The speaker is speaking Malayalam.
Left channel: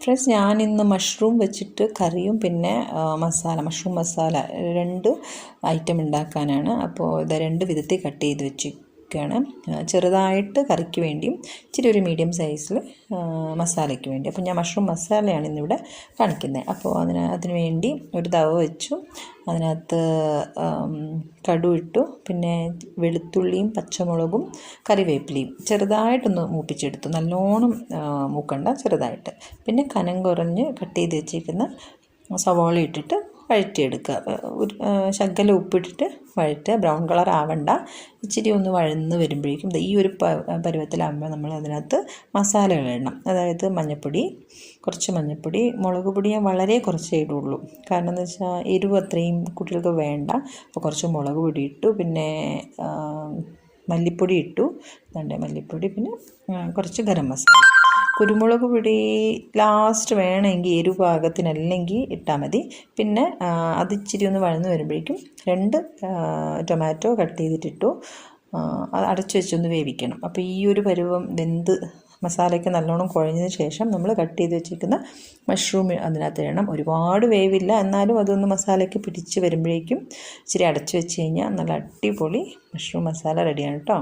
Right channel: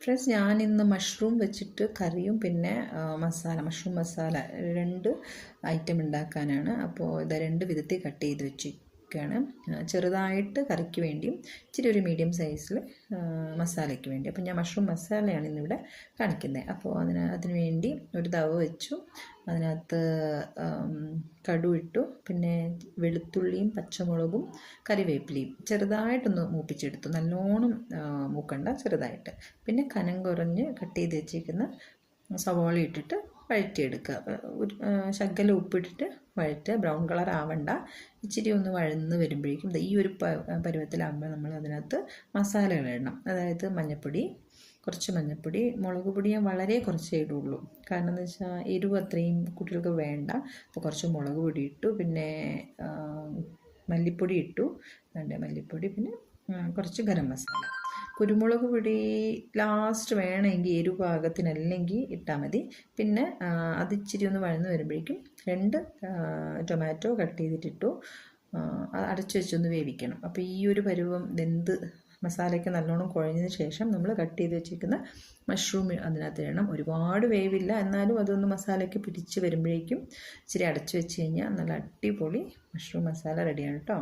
ഫ്രണ്ട്സ് ഞാൻ ഇന്ന് മഷ്റൂം വെച്ചിട്ട് കറിയും പിന്നെ മസാല മഷ്റൂം മസാല രണ്ട് ഐറ്റം ഉണ്ടാക്കാനാണ് അപ്പോൾ ഇത് രണ്ട് വിധത്തിൽ കട്ട് ചെയ്ത് വെച്ചിരിക്കുകയാണ് ആ, ചെറുതായിട്ട് കറിക്ക് വേണ്ടിയും ഇച്ചിരി ഒരു മീഡിയം സൈസിൽ മസാലയ്ക്ക് വേണ്ടി. അപ്പോൾ ഞാൻ മഷ്റൂം മസാലയാണ് ഇന്നിവിടെ കാണിക്കുന്നത്. അപ്പോൾ അതിന് അതിന് വേണ്ടി ഒരു തവ വെച്ചു. അതിനകത്ത് കടു ഇട്ടു. പിന്നെ വെളുത്തുള്ളിയും പച്ചമുളകും കറിവേപ്പിലയും ചെറുതായിട്ടൊന്ന് മൂപ്പിച്ചെടുത്തു. നല്ലോണം മൂക്കണ്ട ചെറുതായിട്ട്. പിന്നെ കനം കുറഞ്ഞ് കട്ട് ചെയ്ത് വെച്ചിരിക്കുന്ന സവാള ഇട്ടിട്ട് വഴറ്റിയെടുക്കുക. ശകലം ഉപ്പിട്ടിട്ട് വഴറ്റുക. ബ്രൗൺ കളർ ആവണ്ട. ഇച്ചിരി ഒന്ന് വഴന്ന് വരുമ്പോഴേക്കും ഈ ഒരു പരുവത്തിലാകുമ്പോൾ നമ്മൾ അതിനകത്ത് മസാലകൾ ഇടണം. അതായത് മഞ്ഞൾപ്പൊടി കുറച്ച് മഞ്ഞൾപ്പൊടി മുളക് പൊടി ഞാൻ വളരെ കുറച്ചേ ഇടുള്ളൂ. കാരണം എന്ന് വെച്ചാൽ എരിവ് അത്രയും കുട്ടികൾക്ക് വേണ്ട. അപ്പോൾ കുറച്ച് മുളക് പൊടി ഇട്ടു പിന്നെ മല്ലിപ്പൊടി ഇട്ടു. രണ്ട് മല്ലിപ്പൊടി പിന്നെ കുറച്ച് ഗരം മസാല. കുരുമുളക് പൊടി ലാസ്റ്റ് വേണമെങ്കിൽ എരിവ് പാകത്തിനല്ലെങ്കിൽ ഇട്ടാൽ മതി. പിന്നെ അത് ഇച്ചിരി ഒന്ന് വഴന്ന് വരുമ്പോഴേക്കും രണ്ട് ടൊമാറ്റോ കട്ട് ചെയ്തിട്ടിട്ടു അടച്ചു വെച്ചൊന്ന് വേവിക്കണം. അപ്പോൾ ഈ ഒരു പരുവം വെന്ത് മസാലയ്ക്ക് നല്ലോണം കുഴഞ്ഞതിന് ശേഷം നമ്മൾ കട്ട് ചെയ്ത് വെച്ചിരിക്കുന്ന മഷ്റൂം അതിനകത്ത് ഇടണം. ഒരുപാട് വേവില്ല. എന്നാലും അതൊന്ന് മസാലയ്ക്ക് പിടിച്ച് വരുമ്പോഴേക്കും ഇച്ചിരി അടച്ചു വെച്ച് കഴിഞ്ഞാൽ നല്ല അടിപൊളി മഷ്റൂം മസാല റെഡിയാണ് കേട്ടോ